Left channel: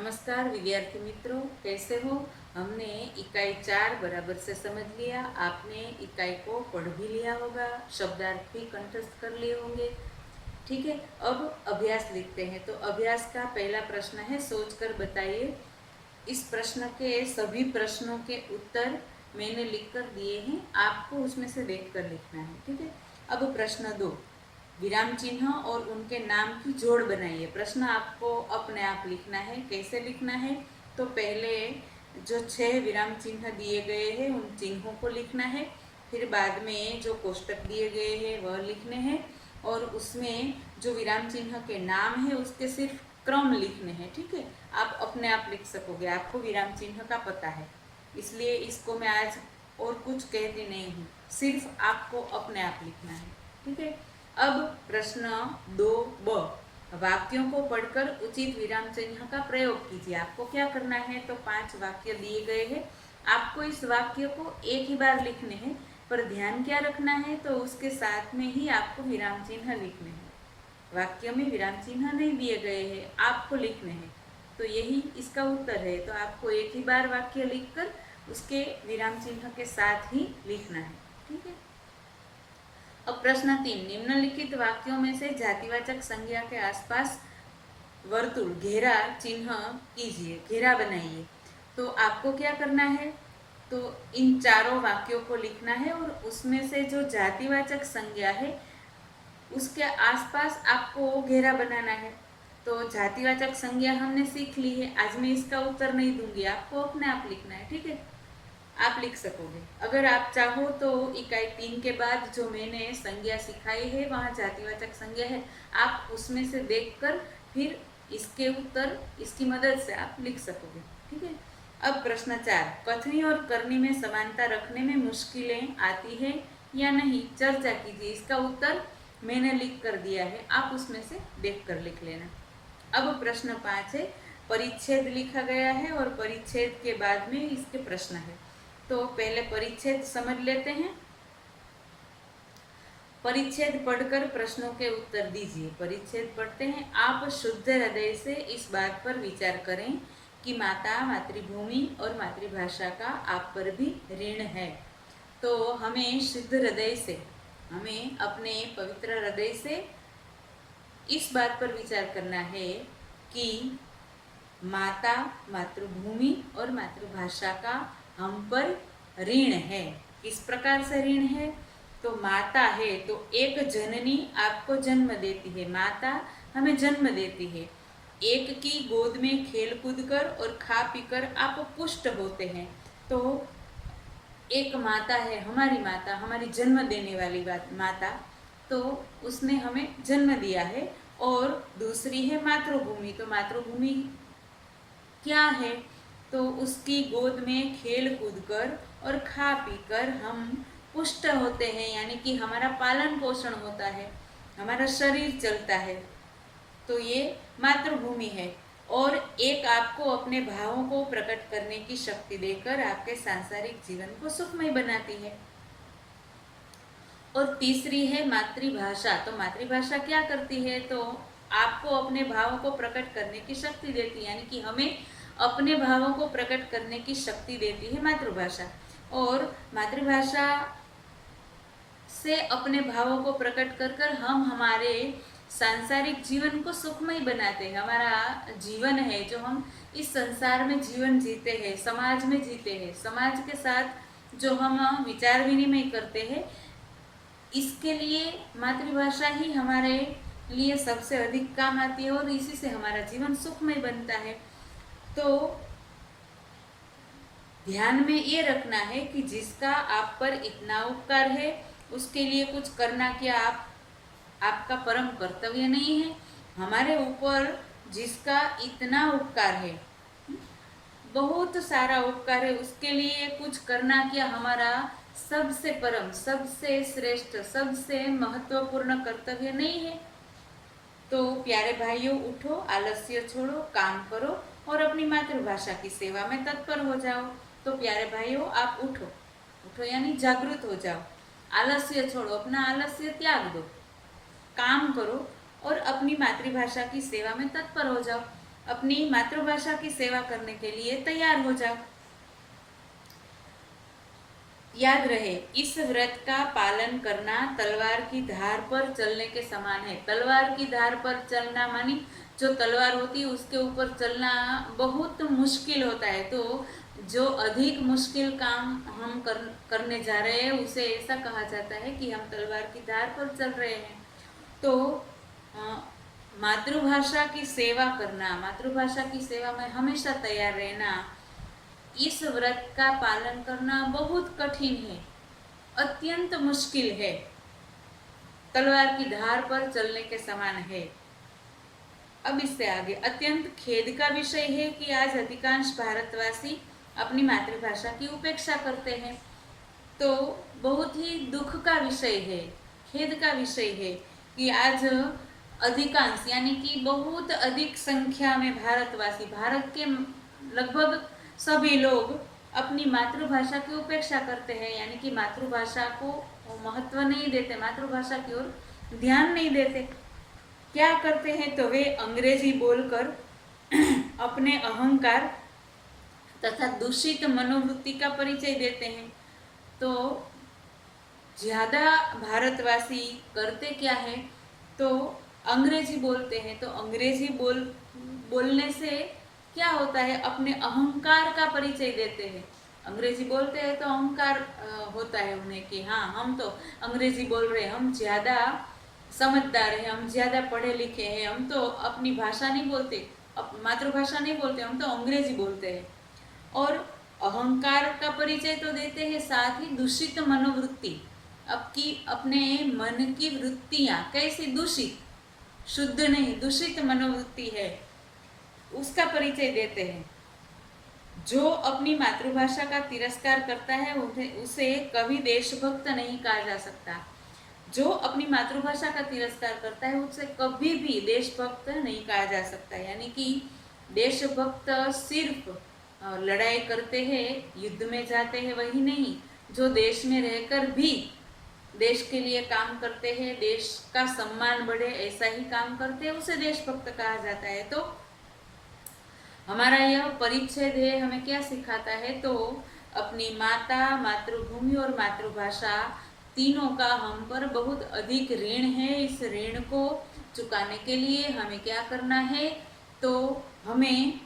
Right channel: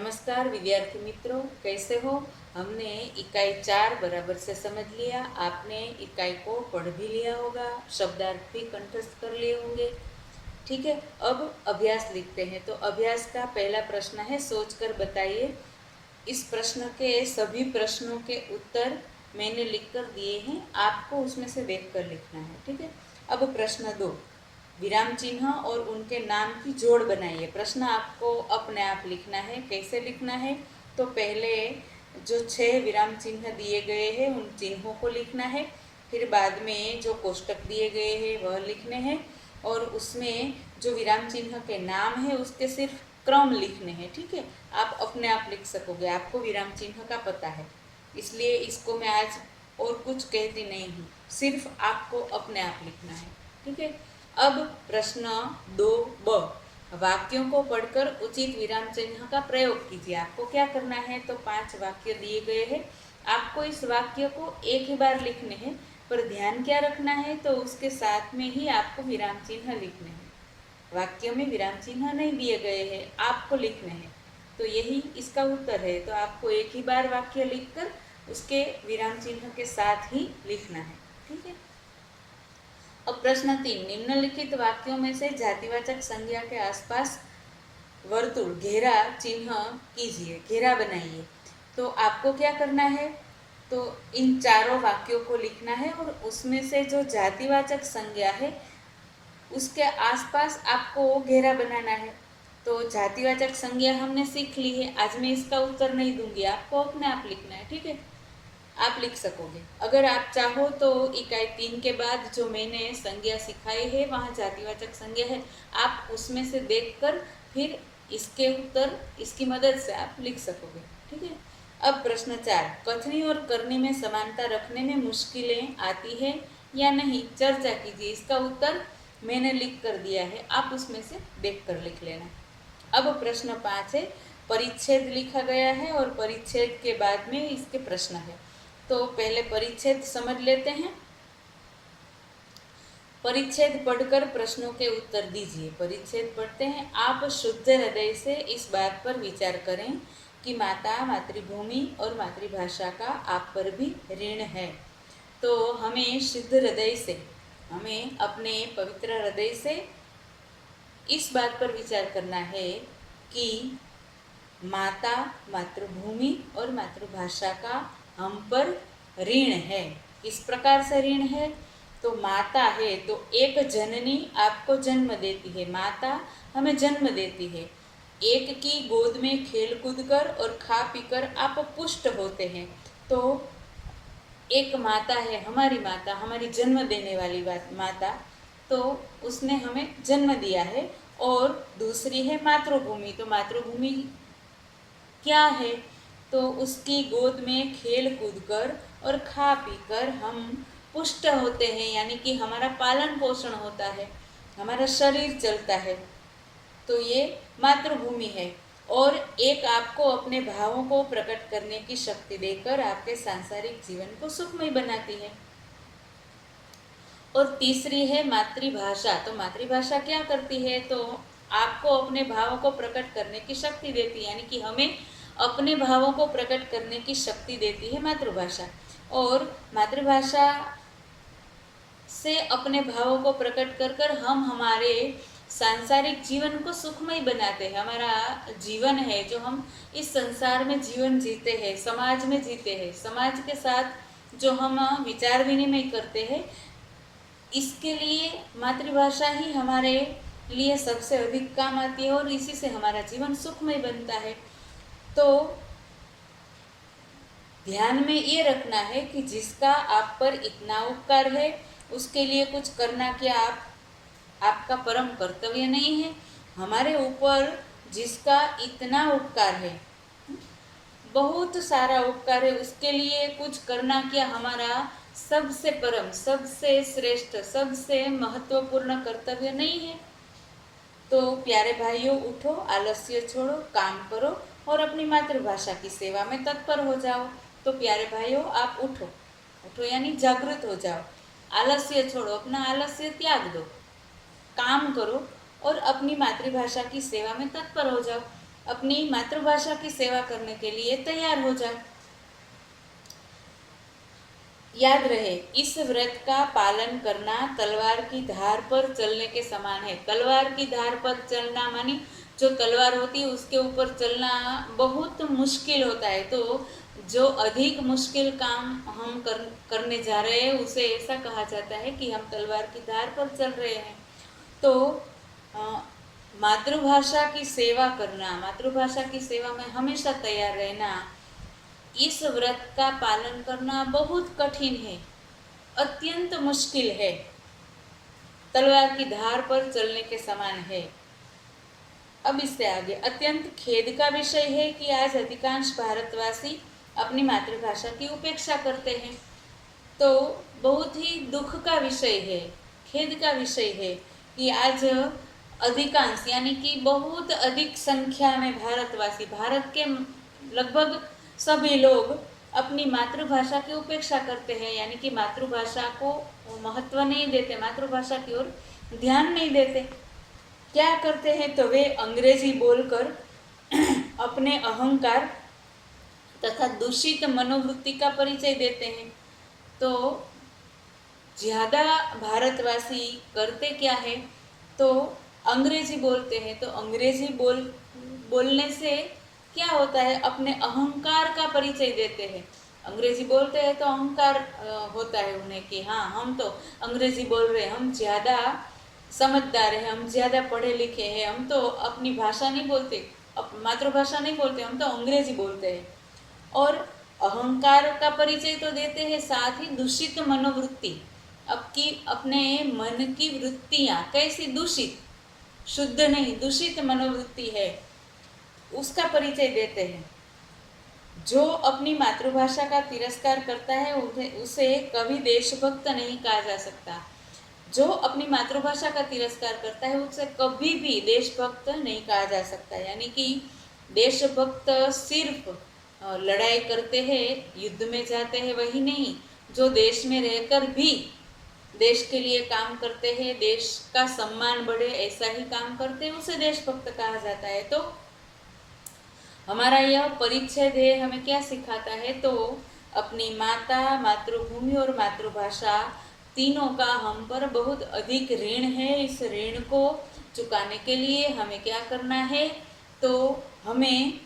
नमस्कार विद्यार्थी मित्रों, कैसे हो। हमने इकाई 4 बराबर से समझ लिया। आपने इकाई को पढ़ भी लिया होगा, शब्दार्थ भी कंठस्थ कर लिए होंगे। ठीक है, अब अभ्यास लिखते हैं। तो अभ्यास का पहला प्रश्न है, सोचकर बताइए। इस प्रश्न के सभी प्रश्नों के उत्तर मैंने लिखकर दिए हैं, आपको उसमें से देखकर लिखना है। ठीक है, अब प्रश्न 2, विराम चिन्ह और उनके नाम की जोड़ बनाइए। प्रश्न आपको अपने आप लिखना है। कैसे लिखना है? तो पहले जो 6 विराम चिन्ह दिए गए हैं उन चिन्हों को लिखना है, फिर बाद में जो कोष्टक दिए गए हैं वह लिखने हैं, और उसमें जो विराम चिन्ह के नाम है उसके सिर्फ क्रम लिखने हैं। ठीक है, आप अपने आप लिख सकोगे, आपको विराम चिन्ह का पता है, इसलिए इसको मैं आज और कुछ कहती नहीं हूँ, सिर्फ आपको अपने आप लिखना है। ठीक है, अब प्रश्न 2b, वाक्यों को पढ़कर उचित विराम चिन्ह का प्रयोग कीजिए। आपको क्या करना है? तो 5 वाक्य दिए गए हैं, आपको इस वाक्य को एक ही बार लिखने हैं, पर ध्यान क्या रखना है? तो उसके साथ में ही आपको विराम चिन्ह लिखने हैं। वाक्य में विराम चिन्ह नहीं दिए गए हैं, आपको लिखने हैं। तो यही इसका उत्तर है। तो आपको एक ही बार वाक्य लिखकर उसके विराम चिन्ह के साथ ही लिखना है। ठीक है, अब प्रश्न 3, निम्नलिखित वाक्यों में से जातिवाचक संज्ञा के आसपास वर्तुल घेरा चिन्ह कीजिए, घेरा बनाइए। तो आपको क्या करना है? तो इन चारों वाक्यों को लिखना है और उसमें से जो जातिवाचक संज्ञा है उसके आसपास आपको घेरा बनाना है। तो जातिवाचक संज्ञा हमने सीख ली है, आज मैं इसका उत्तर नहीं दूंगी, आपको अपने आप लिखना है। ठीक है, आप लिख सकोगे। अगर आप चाहो तो इकाई 3 के बाद जो मैंने संज्ञा सिखाई है वहाँ जातिवाचक संज्ञा है, आप उसमें से देखकर फिर इसके उत्तर इसकी मदद से आप लिख सकोगे। ठीक है, अब प्रश्न 4, कथनी और करनी में समानता रखने में मुश्किलें आती है या नहीं, चर्चा कीजिए। इसका उत्तर मैंने लिख कर दिया है, आप उसमें से देख कर लिख लेना। अब प्रश्न 5 है, परिच्छेद लिखा गया है और परिच्छेद के बाद में इसके प्रश्न है। तो पहले परिच्छेद समझ लेते हैं। परिच्छेद पढ़कर प्रश्नों के उत्तर दीजिए। परिच्छेद पढ़ते हैं, आप शुद्ध हृदय से इस बात पर विचार करें कि माता, मातृभूमि और मातृभाषा का आप पर भी ऋण है। तो हमें शुद्ध हृदय से, हमें अपने पवित्र हृदय से इस बात पर विचार करना है कि माता, मातृभूमि और मातृभाषा का हम पर ऋण है। किस प्रकार से ऋण है? तो माता है तो एक जननी आपको जन्म देती है, माता हमें जन्म देती है। एक की गोद में खेल कूद कर और खा पीकर आप पुष्ट होते हैं। तो एक माता है, हमारी माता, हमारी जन्म देने वाली माता, तो उसने हमें जन्म दिया है। और दूसरी है मातृभूमि। तो मातृभूमि क्या है? तो उसकी गोद में खेल कूद कर और खा पी कर हम पुष्ट होते हैं, यानी कि हमारा पालन पोषण होता है, हमारा शरीर चलता है। तो ये मातृभूमि है। और एक आपको अपने भावों को प्रकट करने की शक्ति देकर आपके सांसारिक जीवन को सुखमय बनाती है। और तीसरी है मातृभाषा। तो मातृभाषा क्या करती है? तो आपको अपने भावों को प्रकट करने की शक्ति देती है, यानी कि हमें अपने भावों को प्रकट करने की शक्ति देती है मातृभाषा। और मातृभाषा से अपने भावों को प्रकट कर कर हम हमारे सांसारिक जीवन को सुखमय बनाते हैं। हमारा जीवन है जो हम इस संसार में जीवन जीते हैं, समाज में जीते हैं, समाज के साथ जो हम विचार विनिमय करते हैं, इसके लिए मातृभाषा ही हमारे लिए सबसे अधिक काम आती है और इसी से हमारा जीवन सुखमय बनता है। तो ध्यान में ये रखना है कि जिसका आप पर इतना उपकार है उसके लिए कुछ करना क्या आपका परम कर्तव्य नहीं है? हमारे ऊपर जिसका इतना उपकार है, बहुत सारा उपकार है, उसके लिए कुछ करना क्या हमारा सबसे परम, सबसे श्रेष्ठ, सबसे महत्वपूर्ण कर्तव्य नहीं है? तो प्यारे भाइयों, उठो, आलस्य छोड़ो, काम करो और अपनी मातृभाषा की सेवा में तत्पर हो जाओ। तो प्यारे भाइयों, आप उठो, उठो यानी जागृत हो जाओ, आलस्य छोड़ो, अपना आलस्य त्याग दो, काम करो और अपनी मातृभाषा की सेवा में तत्पर हो जाओ। अपनी मातृभाषा की सेवा करने के लिए तैयार हो जाओ। याद रहे, इस व्रत का पालन करना तलवार की धार पर चलने के समान है। तलवार की धार पर चलना मानी जो तलवार होती है उसके ऊपर चलना बहुत मुश्किल होता है। तो जो अधिक मुश्किल काम हम करने जा रहे हैं उसे ऐसा कहा जाता है कि हम तलवार की धार पर चल रहे हैं। तो मातृभाषा की सेवा करना, मातृभाषा की सेवा में हमेशा तैयार रहना, इस व्रत का पालन करना बहुत कठिन है, अत्यंत मुश्किल है, तलवार की धार पर चलने के समान है। अब इससे आगे, अत्यंत खेद का विषय है कि आज अधिकांश भारतवासी अपनी मातृभाषा की उपेक्षा करते हैं। तो बहुत ही दुख का विषय है, खेद का विषय है कि आज अधिकांश यानी कि बहुत अधिक संख्या में भारतवासी, भारत के लगभग सभी लोग अपनी मातृभाषा की उपेक्षा करते हैं, यानी कि मातृभाषा को महत्व नहीं देते, मातृभाषा की ओर ध्यान नहीं देते। क्या करते हैं तो वे अंग्रेजी बोलकर अपने अहंकार तथा दूषित मनोवृत्ति का परिचय देते हैं। तो ज़्यादा भारतवासी करते क्या है तो अंग्रेजी बोलते हैं। तो अंग्रेजी बोलने से क्या होता है, अपने अहंकार का परिचय देते हैं। अंग्रेजी बोलते हैं तो अहंकार होता है उन्हें कि हाँ हम तो अंग्रेजी बोल रहे हैं, हम ज़्यादा समझदार हैं, हम ज़्यादा पढ़े लिखे हैं, हम तो अपनी भाषा नहीं बोलते, मातृभाषा नहीं बोलते, हम तो अंग्रेजी बोलते हैं। और अहंकार का परिचय तो देते हैं, साथ ही दूषित मनोवृत्ति, अपने मन की वृत्तियाँ कैसी दूषित, शुद्ध नहीं, दूषित मनोवृत्ति है उसका परिचय देते हैं। जो अपनी मातृभाषा का तिरस्कार करता है उसे कभी देशभक्त नहीं कहा जा सकता। जो अपनी मातृभाषा का तिरस्कार करता है उसे कभी भी देशभक्त नहीं कहा जा सकता। यानी कि देशभक्त सिर्फ लड़ाई करते हैं, युद्ध में जाते हैं वही नहीं, जो देश में रहकर भी देश के लिए काम करते हैं, देश का सम्मान बढ़े ऐसा ही काम करते हैं, उसे देशभक्त कहा जाता है। तो हमारा यह परिच्छेद है हमें क्या सिखाता है तो अपनी माता, मातृभूमि और मातृभाषा तीनों का हम पर बहुत अधिक ऋण है। इस ऋण को चुकाने के लिए हमें क्या करना है तो हमें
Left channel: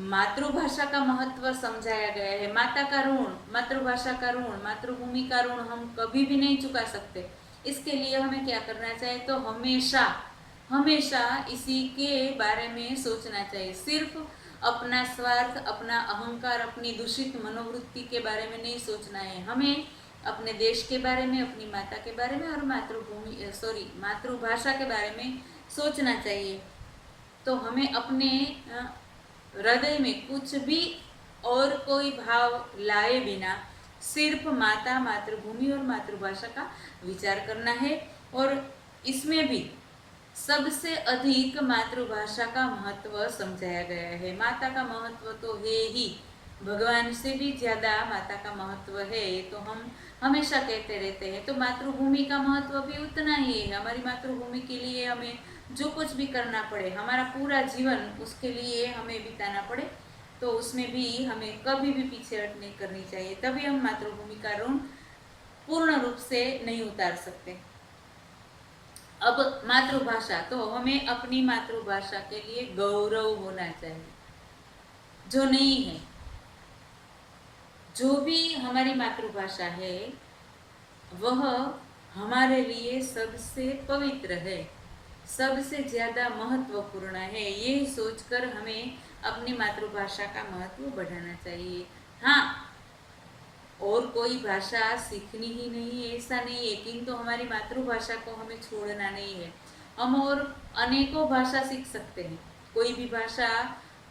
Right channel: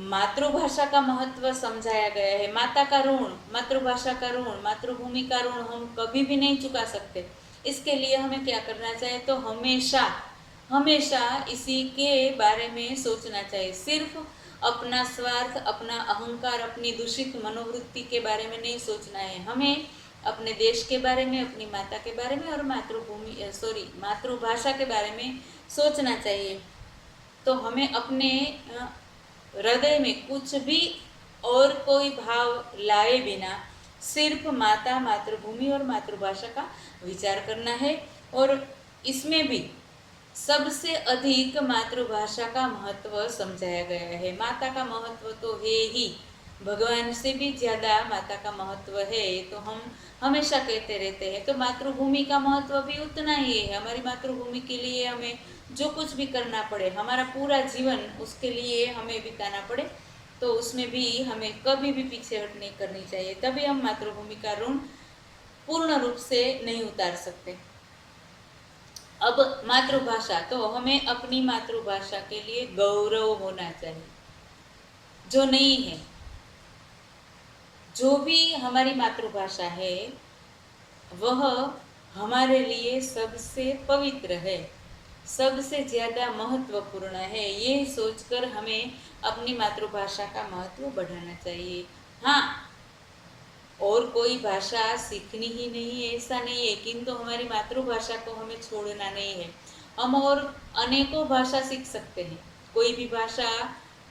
मातृभाषा का महत्व समझाया गया है। माता का ऋण, मातृभाषा का ऋण, मातृभूमि का ऋण हम कभी भी नहीं चुका सकते। इसके लिए हमें क्या करना चाहिए तो हमेशा हमेशा इसी के बारे में सोचना चाहिए। सिर्फ अपना स्वार्थ, अपना अहंकार, अपनी दूषित मनोवृत्ति के बारे में नहीं सोचना है। हमें अपने देश के बारे में, अपनी माता के बारे में और मातृभाषा के बारे में सोचना चाहिए। तो हमें अपने हृदय में कुछ भी और कोई भाव लाए बिना सिर्फ माता, मातृभूमि और मातृभाषा का विचार करना है। और इसमें भी सबसे अधिक मातृभाषा का महत्व समझाया गया है। माता का महत्व तो है ही, भगवान से भी ज़्यादा माता का महत्व है, तो हम हमेशा कहते रहते हैं। तो मातृभूमि का महत्व भी उतना ही है। हमारी मातृभूमि के लिए हमें जो कुछ भी करना पड़े, हमारा पूरा जीवन उसके लिए हमें बिताना पड़े, तो उसमें भी हमें कभी भी पीछे हट नहीं करनी चाहिए। तभी हम मातृभूमि का ऋण पूर्ण रूप से नहीं उतार सकते। अब मातृभाषा, तो हमें अपनी मातृभाषा के लिए गौरव होना चाहिए। जो नहीं है, जो भी हमारी मातृभाषा है वह हमारे लिए सबसे पवित्र है, सबसे ज़्यादा महत्वपूर्ण है। ये सोचकर हमें अपनी मातृभाषा का महत्व बढ़ाना चाहिए। हाँ, और कोई भाषा सीखनी ही नहीं है ऐसा नहीं है, किंतु हमारी मातृभाषा को हमें छोड़ना नहीं है। हम और अनेकों भाषा सीख सकते हैं, कोई भी भाषा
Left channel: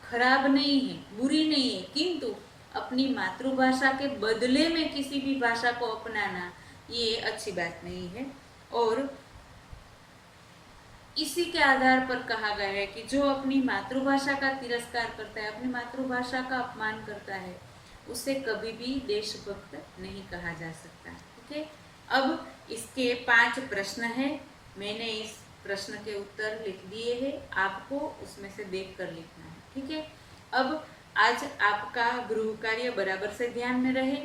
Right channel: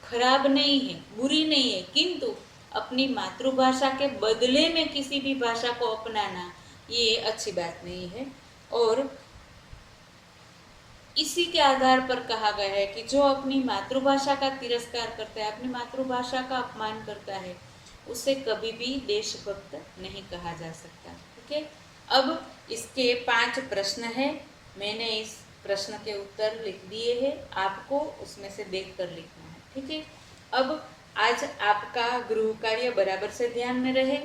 खराब नहीं है, बुरी नहीं है, किंतु अपनी मातृभाषा के बदले में किसी भी भाषा को अपनाना ये अच्छी बात नहीं है। और इसी के आधार पर कहा गया है कि जो अपनी मातृभाषा का तिरस्कार करता है, अपनी मातृभाषा का अपमान करता है, उसे कभी भी देशभक्त नहीं कहा जा सकता। ठीक है, अब इसके 5 प्रश्न हैं। मैंने इस प्रश्न के उत्तर लिख दिए हैं, आपको उसमें से देख कर लिखना है। ठीक है, अब आज आपका गृह कार्य बराबर से ध्यान में रहे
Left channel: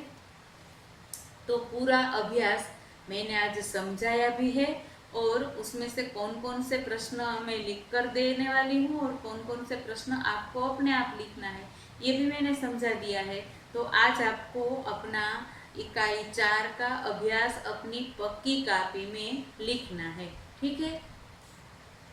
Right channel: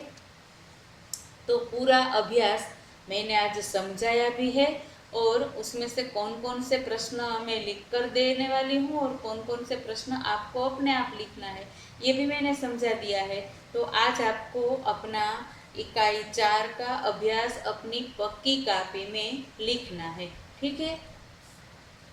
तो पूरा अभ्यास मैंने आज समझाया भी है और उसमें से कौन कौन से प्रश्न मैं लिख कर देने वाली हूँ और कौन कौन से प्रश्न आपको अपने आप लिखना है ये भी मैंने समझा दिया है। तो आज आपको अपना इकाई 4 का अभ्यास अपनी पक्की कॉपी में लिखना है। ठीक है।